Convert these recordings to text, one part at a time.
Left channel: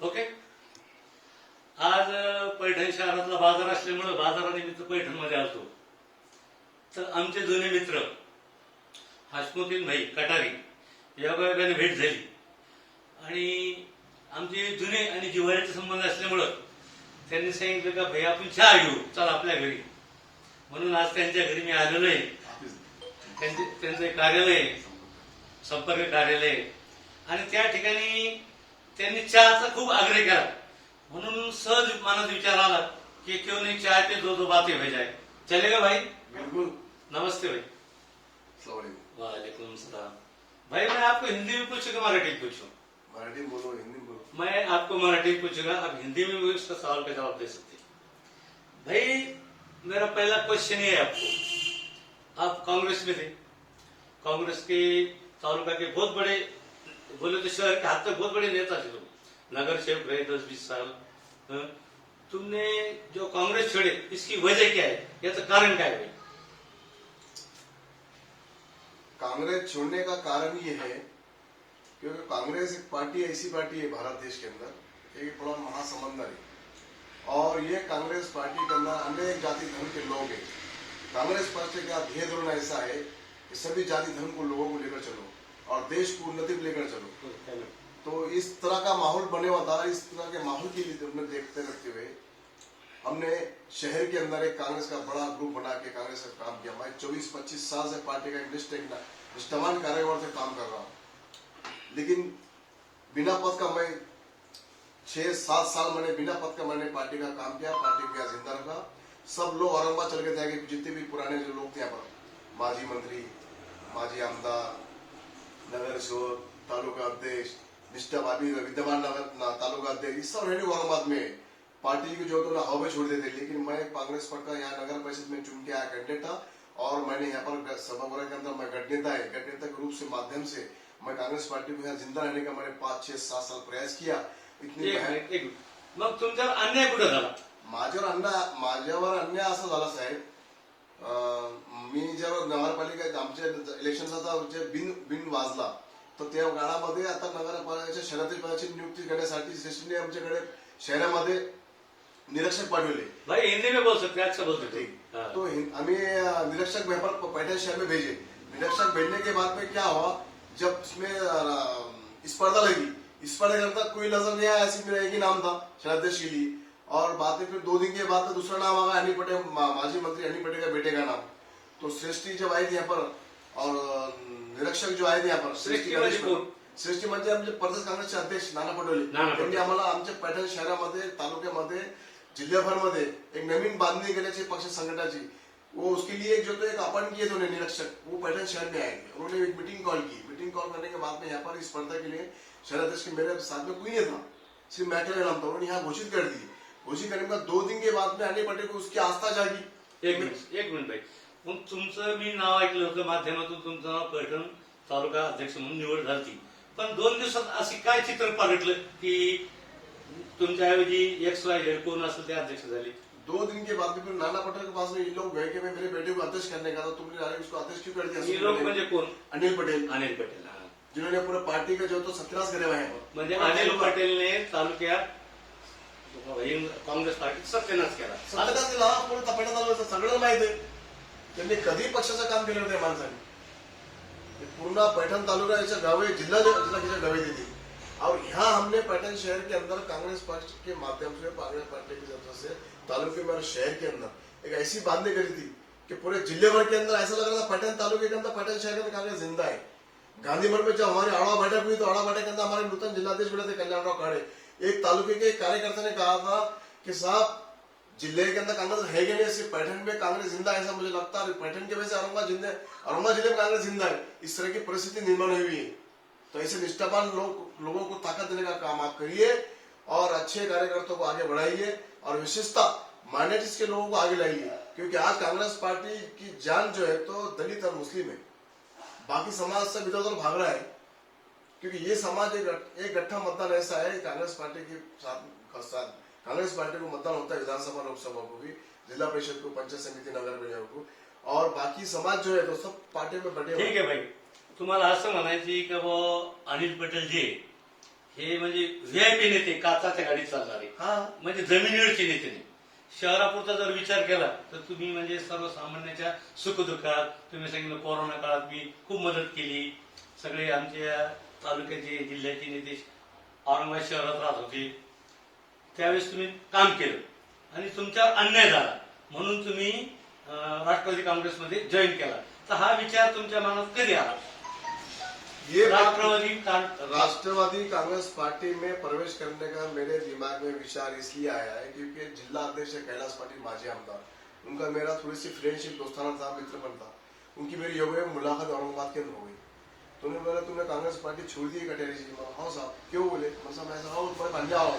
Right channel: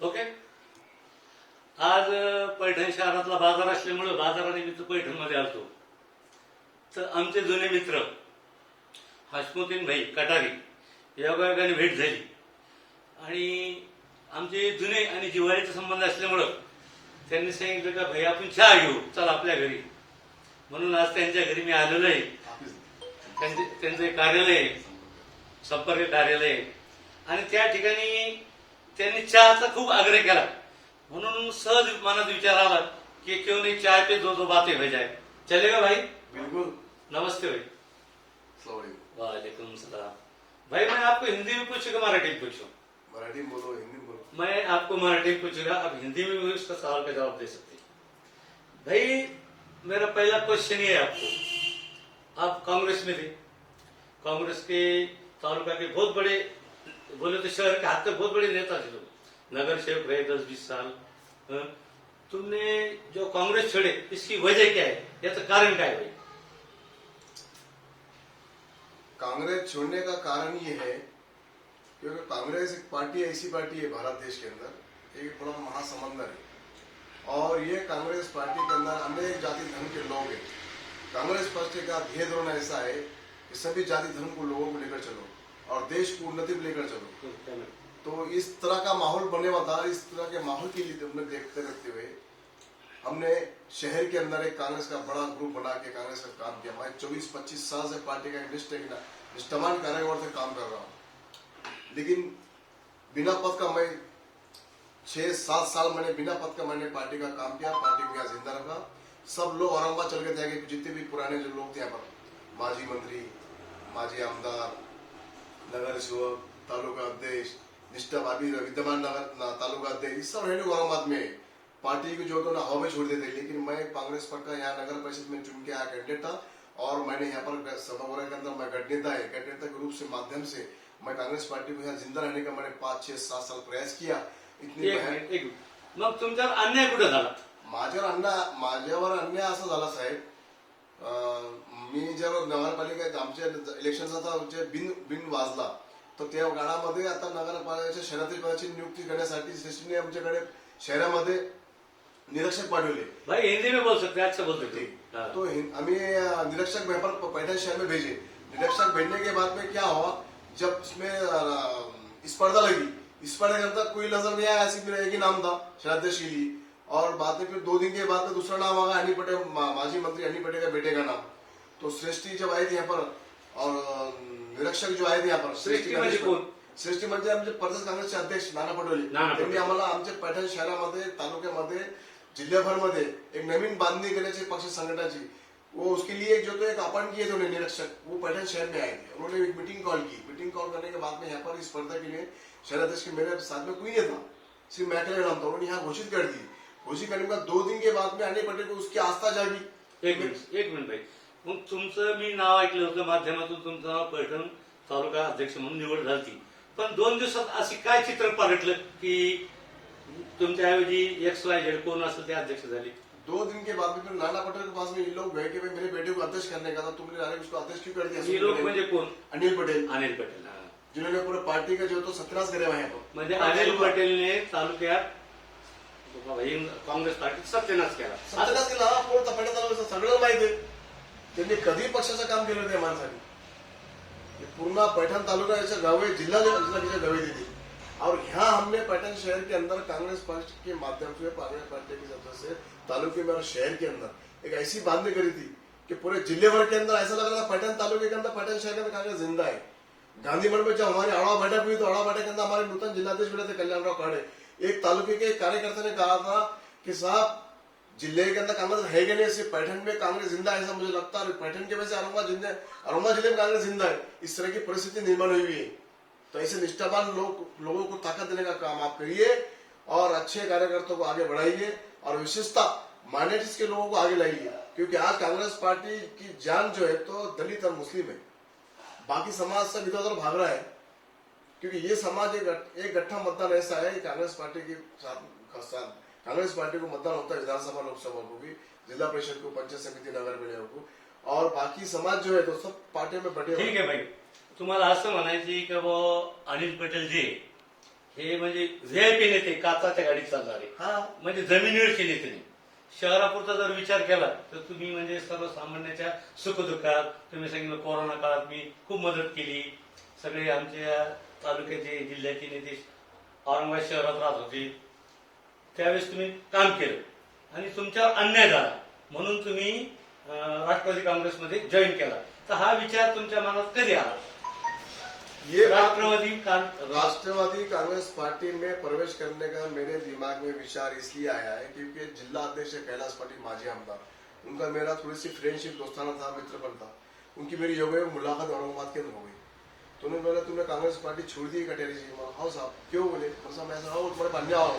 Okay. आज पैठण शहरातला बाजार असल्यामुळं बाजारानिमित्त पैठणमध्ये आलतो. तर आमचे जुने मित्र हसमुद्दीन भाई कटारी योगायोगाने भेट झाली आणि आमचे जुने आणि जिव्हाळ्याचे संबंध असल्यामुळं त्यांनी सांगितलं का भाई आपण चहा घेऊ, चला आपल्या घरी. म्हणून आज त्यांच्या घरी मी आलेलो आहे. त्यांचे कार्यालय आहे, संपर्क कार्यालय आहे आणि त्या ठिकाणी त्यांनी चहाचा खूप आग्रह केला. म्हणून सहज मनात विचार आला कि क्यों नहीं चाय पे दो दो बातें हो जाए. चलेगा भाई? बिल्कुल. नमस्ते भाई. वालेकुम सलाम. भाई मैं आपको हिंदी में पूछूंगा मराठी में पूछूं? मराठी में बोलो, हिंदी में बोलो. मैं आपको मराठी में पूछूंगा, आप हिंदी में भी उसका सवाल का जवाब दे सकते हैं. भाई मेरा पहला क्वेश्चन ये है आपको. आप कांग्रेस में थे, कांग्रेस के तालुका के बहुत बड़े, बोले तो शहर के हाथ तक बहुत बड़े नेता थे लोग, नगर सेवक रहे 10-20 साल. तुमने जो कांग्रेस छोड़े इसकी वजह क्या है, याचं कारण काय भाई? कांग्रेस छोड़ने का कारण ये है क्योंकि कांग्रेस एक पार्टी ऐसी पार्टी है भारत देश के अंदर, एक बड़ा महासमंदर है और ये कांग्रेस पार्टी के अंदर अनेक जाति धर्म के लोग हैं. कांग्रेस पार्टी का ध्येय धोरण ऐसा है कि सभी जाति धर्म को लोगों को लेकर चलो और देश को उन्नति को लेकर चलो. तो इस तरह का माहौल बने हुआ था. इस तरह के माहौल के लिए हमने देखते रहते हुए हमने शहर के अंदर एक कांग्रेस का बड़ा ग्रुप बना के कांग्रेस का काम किया. मैं 24-25 साल से पार्टी का निष्ठावान कार्यकर्ता से काम कर रहा हूँ. लेकिन बिना पद का मैं 6-7 साल मैंने बिना पद का मैंने पार्टी का काम किया. पार्टी को यहाँ जिंदा रखा. सब लोग औरंगाबाद चल गए थे, जितने भी पुराने जो लोग थे यहाँ पर, माजी मंत्री, माजी आमदार, नगर सेवक, तालुका अध्यक्ष, निष्ठावादी विद्यमान नगर तालुका अध्यक्ष, सब रहने औरंगाबाद में पार्टी को जो तो ना हवा में छोड़ देते. लेकिन मैं कांग्रेस पार्टी का यहाँ नगर परिषद में चुन के आया कैंडिडेट था और मैंने यहाँ पर सभागृह के अंदर मैं गठनेता है, गठनेता के रूप से माध्यम से मैं कांग्रेस पार्टी को यहाँ जिंदा रहने का मैंने 5-6-7 साल प्रयास किया. मग तुमच्यावर अन्याय कुठं झाला? माझ्यावर अन्याय असा झाला साहेब. मी जेव्हा नगरपालिका आमच्या इलेक्शनचा जे बिन वाजला तर त्या काळामध्ये आता नगरपालिकेच्या शहरातील पदाची नियुक्ती करण्यासाठी श्रेष्ठीने आमच्याकडे शहरामध्ये निरीक्षक पाठवले. भाई हिंदी में बोल सकते, अच्छा बोल सकते. तो हमें निरीक्षक पैठण शहर में भेजे. निरीक्षक भेजने के बाद में क्या हुआ, जब इसमें स्पर्धा लगी, स्पर्धा के अंदर कोई नजर नहीं आया, सिर्फ मेरा एक ही नाम था शहराध्यक्ष के लिए. और बाद में फिर 2 दिन के बाद में दूसरा नाम आ गया, अनिल पटेल, माजी मंत्री अनिल पटेल का बेटे का नाम. तो श्रेष्ठी जब आई थी यहाँ पर और निरीक्षक जो आए थे यहाँ पर, श्रेष्ठी म्हणजे आमचे प्रदेश काँग्रेसचे अध्यक्ष नाना पटोले, त्यांनी आम्हाला आमच्या पैठण शहरामध्ये, तालुक्यामध्ये, जिल्ह्याभरमध्ये एक नवीन बांधणी केल्याची पक्ष संघटनाची, वो उसके लिए जो तो एक अपन किए थे निरीक्षक, वो पैठण शहर में आए थे. उन्होंने एक मीटिंग कॉल की. मीटिंग कॉल करने के बाद में यहाँ पर स्पर्धा के लिए शहराध्यक्ष के मेरे साथ में कोई नहीं था, सिर्फ मैं अकेले नाम था. उन्होंने यहाँ घोषित कर दी. घोषित करने के बाद 2 दिन के बाद में अनिल पटेल को उसकी आस्था जागी. एक मिनिट भाई, मग तुमचं मी नाव ऐकलं होतं माध्यमातून, तुमचं नाव पैठण तालुका अध्यक्ष म्हणून निवड झाली. पण 2 दिवसात अशी काय चित्र पालटलं की तुमच्याऐवजी XYZ कोण असेल ते अध्यक्ष झाले? 2 दिन के बाद में फिर नाना पटेल के पास में ये लोग गए कि मेरे बेटे को अध्यक्ष करने का था, तुमने डायरेक्ट उसको अध्यक्ष क्यों कर दिया? ये लोग म्हणजे कोण? अनिल पटेल. अनिल पटेल, जिन्होंने पूरे पार्टी का जो तो सत्यानाश करे हुए हैं. म्हणजे अनिल पटेलने तालुक्यात काँग्रेस पार्टी सत्यानाश केला. सत्यानाश केला. कोण पैठण तालुक्याचं सगळं माहिती आहे. त्यांनी कधी पक्षाचं काम केलं नाही माणसाने. पूर्ण पैठण तालुका ऐसा गाँव है, जिला की गाँव देती. और यहाँ हमने पैठण शहर के अंदर कांग्रेस पार्टी के माध्यम से, कांग्रेस पार्टी की तरफ से तालुके में और शहर के अंदर एक ऐसी बांधनी करी थी कि पूरे जिले भर के अंदर ऐसा लग रहा था पैठण तालुके के अंदर, पैठण शहर के अंदर कांग्रेस जिंदा है. गांधी मठ में जब हमारी आड़ा बैठक हुई तो आड़ा बैठक के अंदर हमारे नूतन जिलाध्यक्ष बने थे कल्याणराव काड़े. एक तालुके के कार्यकर्ता ने कहा था कि साहब जिले के अंदर कांग्रेस है कि नहीं, सिर्फ पैठण में कांग्रेस जिंदा है ऐसा मुझे लगता है. पैठण के वजह से औरंगाबाद जिले में कांग्रेस जिंदा है. इस तरह की परिस्थिति निर्माण हुई है. तो ऐसे निष्ठावान लोगों को ताकत देने का काम आप करिए और अच्छे कार्यकर्ताओं को आगे बढ़ाइए और विशेषतः माइनॉरिटीज के लोगों को आगे लाइए. क्योंकि आज कांग्रेस पार्टी की जान जो है तो दलित और मुस्लिम है. बाकी समाज सब इधर उधर भाग रहा है क्योंकि ये समाज एक गठ्ठा मतदान ऐसा है. कांग्रेस पार्टी के साथ कांग्रेस पार्टी को मतदान होता है विधानसभा, लोकसभा को भी, जिला परिषद को, पंचायत समिति, नगर पालिका को, और बाकी समाज जो है तो सब पार्टी में बटे. ठीक आहे भाई, तुम्हाला असं म्हणायची की वो अनिल पटेल जे हे म्हणजे व्हीआयपी नेते, काचाच्या गाडीत चालणारे, हाँ म्हणजे जमिनीवरचे नेते नाही. शहरापुरता जर विचार केला तर तुम्ही म्हणजे सर्वसामान्याच्या सुखदुःखात, तुम्ही सांगितलं कोरोना काळात मी खूप मदत केली. सगळे आमच्या तालुक्याचे, जिल्ह्याचे नेते औरंगाबाद शहरात राहत होते, त्यावेळेस तुम्ही काम केलं आणि तुमच्यावर अन्याय झाला म्हणून तुम्ही राष्ट्रवादी काँग्रेसमध्ये जॉईन केला. तर हा विचार तुमच्या मनात कधी आला? ये राष्ट्रवादी राष्ट्रवादी कांग्रेस पार्टी में प्रवेश करने का मेरे दिमाग में विचार इसलिए आया है क्योंकि जिला अध्यक्ष कैलाश पाटिल माजी आमदार, उनका मेरा थोड़ी सी फ्रेंडशिप, दोस्ताना था, मित्रपन था. उनकी मेरी योग्य मुलाकात औरंगाबाद के अंदर हो गई. तो उन्होंने बोला तुमने कांग्रेस पार्टी छोड़ दी कटेरी जी? हाँ साहब. क्यों बोले? मतलब मैं ऐसा तुम्हारे बन जाओ,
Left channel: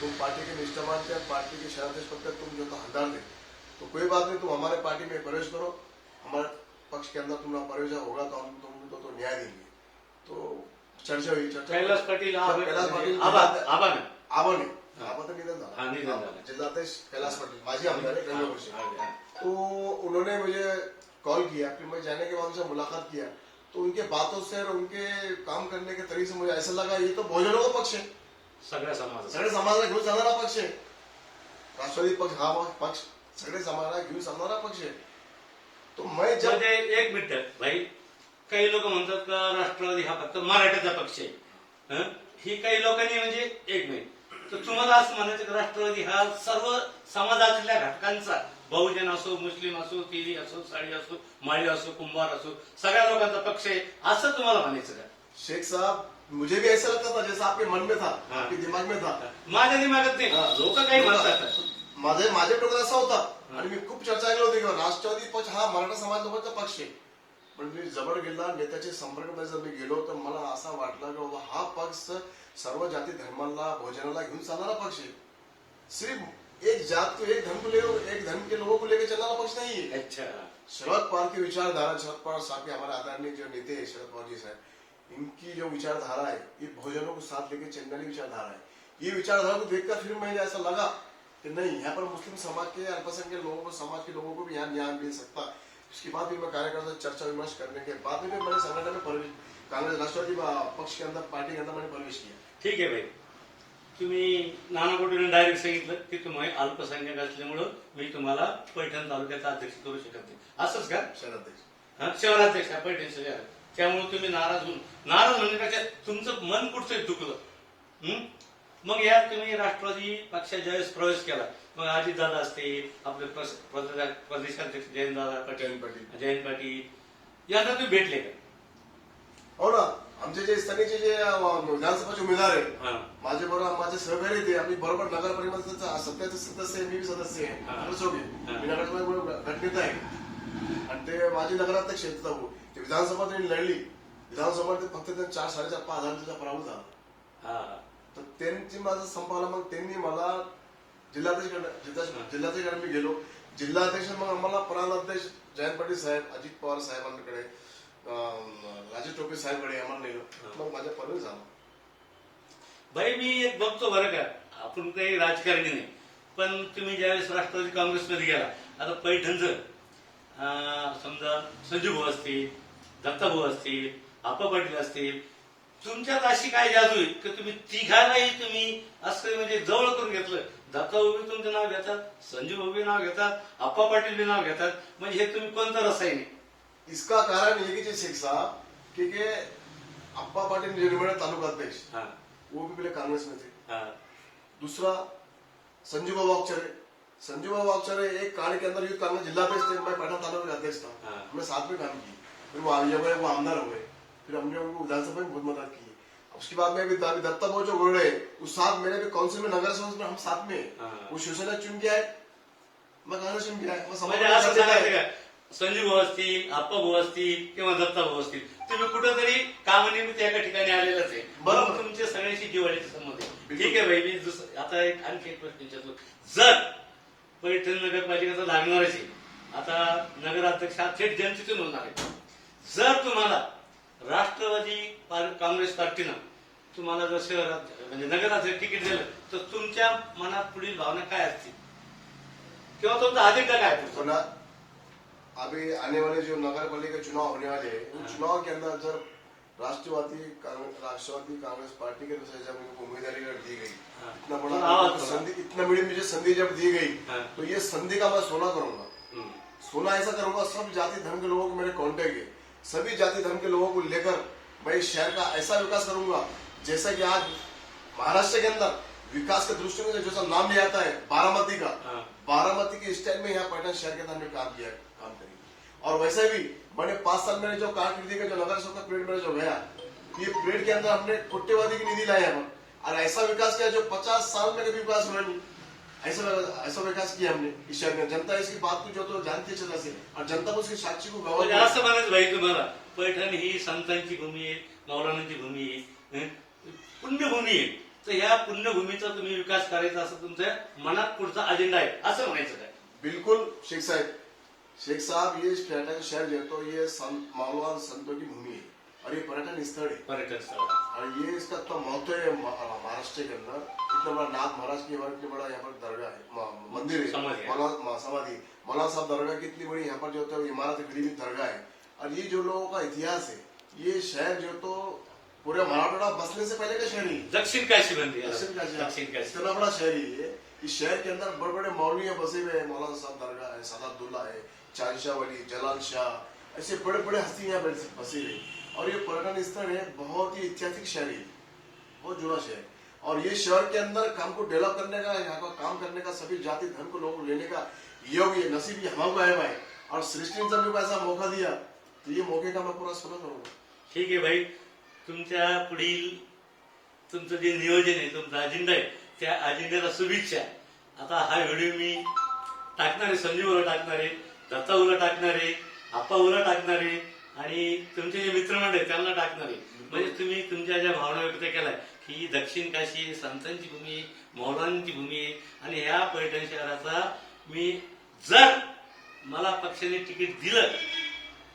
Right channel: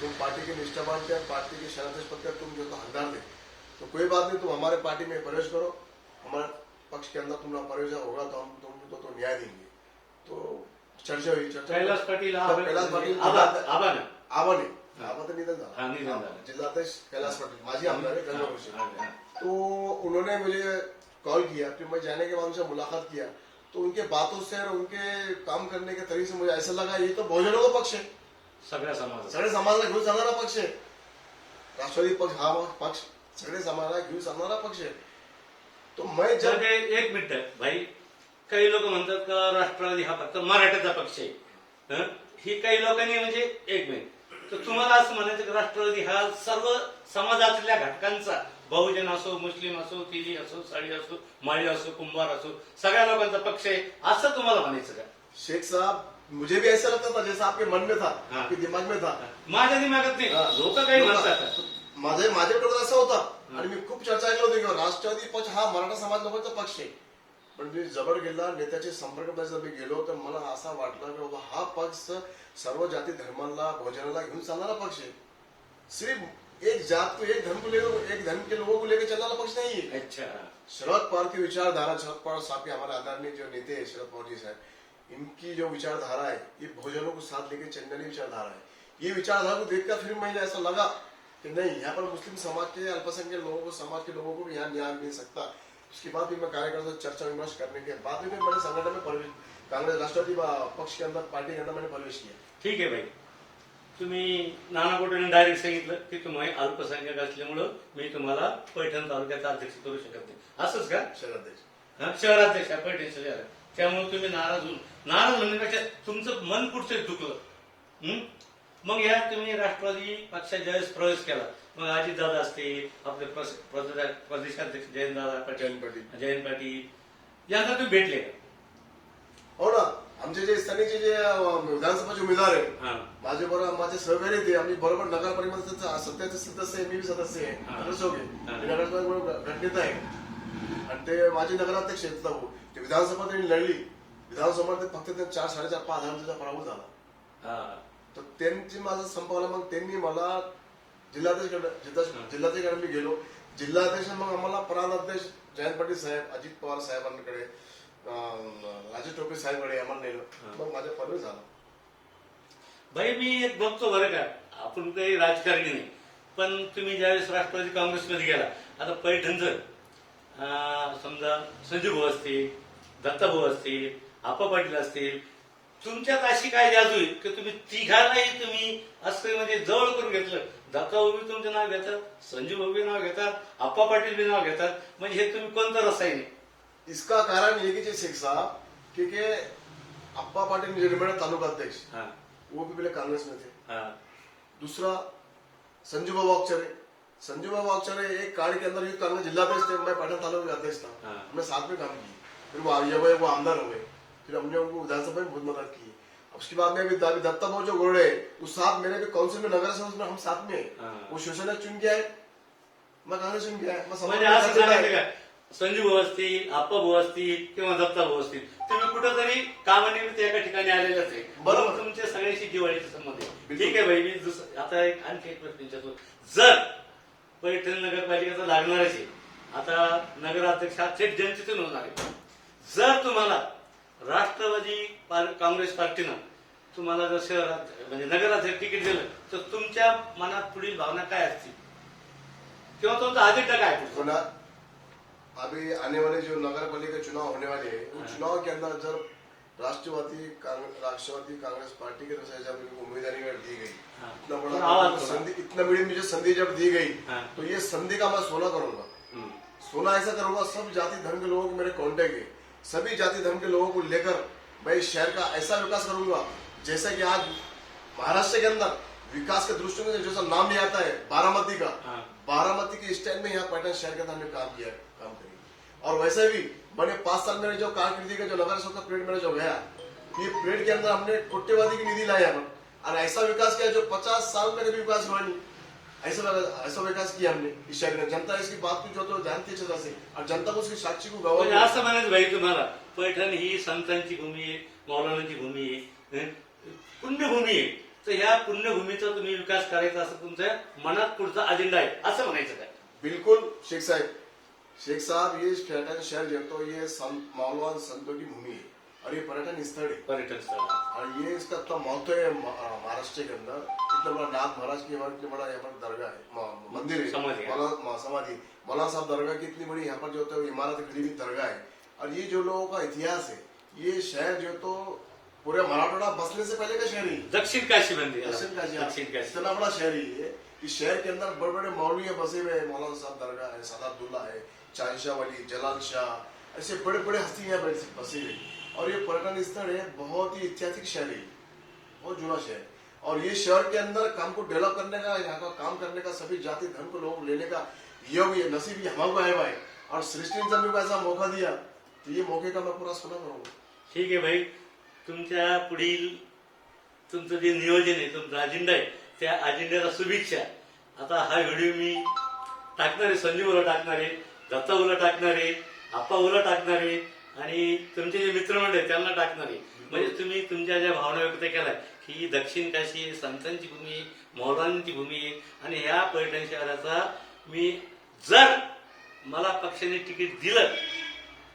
तुम पार्टी के निष्ठावान थे, पार्टी के शहराध्यक्ष पद पर तुम जो तो हकदार थे, तो कोई बात नहीं, तुम हमारे पार्टी में प्रवेश करो, हमारे पक्ष के अंदर तुम्हारा प्रवेश होगा तो हम तुमको तो न्याय देंगे. तो चर्चा हुई. कैलाश पाटील कैलाश पाटील आबा ना आबा तर निधन हाँ, निधन झालं. झालं. जिल्हाध्यक्ष कैलाश पाटील माजी आमदार है गंगापुर से. हाँ. तो उन्होंने मुझे कॉल किया, फिर मैं जाने के बाद उनसे मुलाकात किया. तो उनके बातों से और उनके काम करने के तरीके से मुझे ऐसा लगा ये तो बहुजनों का पक्ष है, सगळ्या समाजात. सगळे समाजाला घेऊन चालणारा पक्ष आहे. राष्ट्रवादी पक्ष हा पक्ष सगळे समाजाला घेऊन चालणारा पक्ष आहे. तो मैं जब म्हणजे एक मिनिट भाई, काही लोक म्हणतात का राष्ट्रवादी हा फक्त मराठ्याचा पक्ष आहे. हं? ही काही लोकांनी म्हणजे एक मिनिट, तर तुम्हाला असं म्हणायचं की राष्ट्रवादी हा सर्व समाजातल्या घटकांचा, बहुजन असो, मुस्लिम असो, तिरी असो, साडी असो, माळी असो, कुंभार असो, सगळ्या लोकांचा पक्ष आहे असं तुम्हाला म्हणायचं का? शेख साहब, मुझे भी ऐसा लगता था जैसा आपके मन में था, हाँ. आपके दिमाग में था. माझ्या दिमागात नाही, लोक काही म्हणतात. माझ्या डोक्यात असा होता आणि मी खूप चर्चा ऐकली होती की राष्ट्रवादी पक्ष हा मराठा समाज लोकांचा पक्ष आहे. पण मी जवळ गेला, नेत्याच्या संपर्कामध्ये जर मी गेलो तर मला असं वाटलं की बाबा हा पक्ष सर्व जाती धर्माला, भोजनाला घेऊन चालणारा पक्ष आहे. सिर्फ एक जात को, एक धर्म को लेकर, एक धर्म के लोगों को लेकर चलना पक्ष नहीं है. अच्छा. शरद पवार की विचारधारा, शरद पवार साहब के हमारे आदरणीय जो नेते हैं शरद पवार जी साहब, इनकी जो विचारधारा है ये बहुजनों को साथ लेकर चलने वाली विचारधारा है. ये विचारधारा को देखकर फिर मुझे ऐसा लगा कि नहीं, यहाँ पर मुस्लिम समाज के, अल्पसंख्यक लोगों को, समाज के लोगों को भी यहाँ न्याय मिल सकता. उसके बाद भी मैं कार्यकर्ता से चर्चा विमर्श करने के बाद में मैंने संगठन में प्रवेश, कांग्रेस राष्ट्रवादी पक्ष के अंदर, पार्टी के अंदर मैंने प्रवेश किया. ठीक आहे भाई, तुम्ही नाना गोटेने डायरेक्ट सांगितलं की तुम्ही अल्पसंख्याक असल्यामुळं मी तुम्हाला पैठण तालुक्याचा अध्यक्ष करू शकत नाही, असंच का? शहराध्यक्ष. शहराध्यक्ष पैठण शहर, त्यामुळे तुम्ही नाराज होऊन, नाराज म्हणण्यापेक्षा तुमचं मन कुठचं चुकलं. मग या तुम्ही राष्ट्रवादी पक्षात ज्यावेळेस प्रवेश केला, मग अजितदादा असतील, आपले प्रदेशाध्यक्ष जयंतदादा पाटील, जयंत पाटील यांना तुम्ही भेटले का? हो ना, आमचे जे स्थानिकचे जे विधानसभाचे उमेदवार हा. आहे, माझे बरोबर माझे सहकारी ते, आम्ही बरोबर नगर परिषदेचे सत्याचे सदस्य आहे, मी बी सदस्य आहे, हा. नगरसेवक आहे, मी नगरसेवक गटनेता आहे आणि ते माझे नगराध्यक्ष आहेत. ते विधानसभा त्यांनी लढली, विधानसभा फक्त ते 4-4.5 हजार पराभूत झाला. तर त्यांची माझा संपावला. मग त्यांनी मला जिल्हाध्यक्षकडे मी गेलो. जिल्हाध्यक्ष मग आम्हाला प्रांताध्यक्ष जयंत पाटील साहेब, अजित पवार साहेबांकडे, राजेश टोपे साहेबकडे आम्हाला नेलो. मग माझा प्रवेश झाला. भाई मी एक बघतो बरं का, आपण काही राजकारणी नाही, पण तुम्ही ज्यावेळेस राष्ट्रवादी काँग्रेसमध्ये गेला, आता पैठणचं समजा संजू भाऊ असतील, दत्ता भाऊ असतील, आप्पा पाटील असतील, तुमच्यात अशी काय जादू आहे की तुम्ही तिघालाही तुम्ही असं म्हणजे जवळ करून घेतलं. दत्ता भाऊ बी तुमचं नाव घेतात, संजू भाऊ बी नाव घेतात, आप्पा पाटील बी नाव घेतात, म्हणजे हे तुम्ही कोणतं रसायन आहे? इसका कारण ये कि शेख साहब, क्योंकि अप्पा पाटिल निर्मल तालुका अध्यक्ष, हाँ. वो भी पहले कांग्रेस में थे. हाँ. दूसरा संजू बाबू अक्षरे, संजू बाबू अक्षरे एक काल के अंदर यूथ कांग्रेस जिलाध्यक्ष थे, मैं पैठण तालुका का अध्यक्ष था. हाँ. हमने साथ में काम किया. फिर वो आगे हुए, वो आमदार हुए, फिर हमने उनको विधानसभा में बहुत मदद की. उसके बाद में भी दत्ता भाऊ जो गोरडे, उस साथ मेरे भी काउंसिल में, नगर सेवक में हम साथ में. हाँ. वो शिवसेना चुन के आए, मैं कांग्रेस चुन के आया. म्हणजे असं सांगायचं का, संजू भाऊ असतील, आप्पा भाऊ असतील किंवा दत्ता भाऊ असतील, तुम्ही कुठंतरी कामानिमित्त एका ठिकाणी आलेलाच आहे, बरोबर. तुमचे सगळ्यांशी जिव्हाळ्याचे संबंध आहे. ठीक आहे भाई, मी आता आणखी एक प्रश्न विचारतो. जर पैठण नगरपालिकेचा लागणारच आहे, आता नगराध्यक्ष हा थेट जनतेतून होणार आहे, जर तुम्हाला राष्ट्रवादी काँग्रेस पार्टीनं तुम्हाला जर शहरात म्हणजे नगराध्यक्ष तिकीट दिलं, तर तुमच्या मनात पुढील भावना काय असतील किंवा तुमचा अजेंडा काय पुढचा? सुना, अभी आने वाले जो नगर पालिका चुनाव होने वाले हैं, उन चुनाव के अंदर जब राष्ट्रवादी कांग्रेस पार्टी के अनुसार जब इनको उम्मीदवारी दी गई, हाँ। इतना तो बड़ा आवाज संधि, इतना बड़ी मुझे संधि जब दी गई, हाँ। तो ये संधि का मैं सोना करूंगा। सोना ऐसा करूंगा, सब जाति धर्म के लोगों को मेरे कांटेक्ट है, सभी जाति धर्म के लोगों को लेकर मैं इस शहर का ऐसा विकास करूंगा जैसे कि आज महाराष्ट्र के अंदर विकास के दृष्टिकोण से जैसा नाम नहीं आता है बारामती का, हाँ। बारामती के स्टाइल में यहाँ पाटन शहर के अंदर हमने काम किया, काम करेंगे। और वैसे भी मैंने 5 साल मेरे जो कारकिर्दी का जो नगर सेवक का पीरियड मेरा जो गया, ये पीरियड के अंदर हमने कोट्यवधि की निधि लाई यहाँ पर, और ऐसा विकास किया जो 50 साल में कभी विकास हुआ नहीं। ऐसा विकास किया हमने इस शहर में। जनता इसकी बात को जो तो जानती है अच्छे से, और जनता को उसकी साक्षी को म्हणजे गवाह असं म्हणायचं भाई तुम्हाला, पैठण ही संतांची भूमी आहे, मौलानांची भूमी आहे, पुण्यभूमी आहे. तर ह्या पुण्यभूमीचा तुम्ही विकास करायचा असं तुमच्या मनात पुढचा अजेंडा आहे असं म्हणायचं काय? बिल्कुल शेख साहब ये पर्यटन शहर जो तो ये मौलवान संतों की भूमि है और ये पर्यटन स्थल है, पर्यटन स्थळ. और ये इसका तो महत्व है महाराष्ट्र के अंदर। इतना बड़ा नाथ महाराज की इतना बड़ा यहाँ पर दरगाह है, मंदिर है, समाधि है। समाधि मौलाना साहब दरगाह की इतनी बड़ी यहाँ पर जो तो इमारत खड़ी हुई दरगाह है। और ये जो लोगों का इतिहास है, ये शहर जो तो पूरे मराठवाड़ा बसने से पहले का शहर ही है। दक्षिण काशी बनली याला. दक्षिण काशी, दक्षिण काशी. इतना बड़ा शहर ही है। इस शहर के अंदर बड़े बड़े मौलवी बसे हुए हैं, मौलाना साहब दरगाह है, सादातुल्लाह है, चांदशाह वली, जलाल शाह, ऐसे बड़े बड़े हस्ती यहाँ बसी हुई। और ये पर्यटन स्थल है, बहुत ही ऐतिहासिक शहर है, बहुत जुड़ा शहर। और ये शहर के अंदर काम को डेवलप करने का, यहाँ का काम करने का, सभी जाति धर्म को लोग लेने का योग, ये नसीब ही हमारे को है भाई। और सृष्टि ने जब ऐसा मौका दिया, तो ये मौके का मैं पूरा सोना करूंगा। ठीक आहे भाई, तुमच्या पुढील तुमचं जे नियोजन आहे, तुमचा अजेंडा आहे, त्या अजेंड्याला शुभेच्छा. आता हा व्हिडिओ मी टाकणार आहे, संजीवला टाकणार आहे, दत्ताऊला टाकणार आहे, आप्पाऊला टाकणार आहे, आणि तुमचे जे मित्रमंडळ आहेत त्यांना टाकणार आहे. म्हणजे तुम्ही तुमच्या ज्या भावना व्यक्त केल्या की दक्षिण काशी ही संतांची भूमी आहे, मौलांची भूमी आहे, आणि ह्या पैठण शहराचा मी जर मला पक्षाने तिकीट दिलं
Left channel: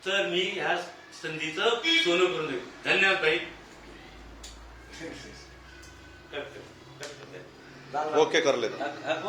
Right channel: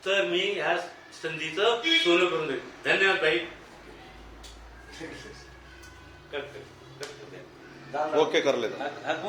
तर मी ह्या संधीचं सोनं करून देईल. धन्यवाद भाई. ओके कर लेता.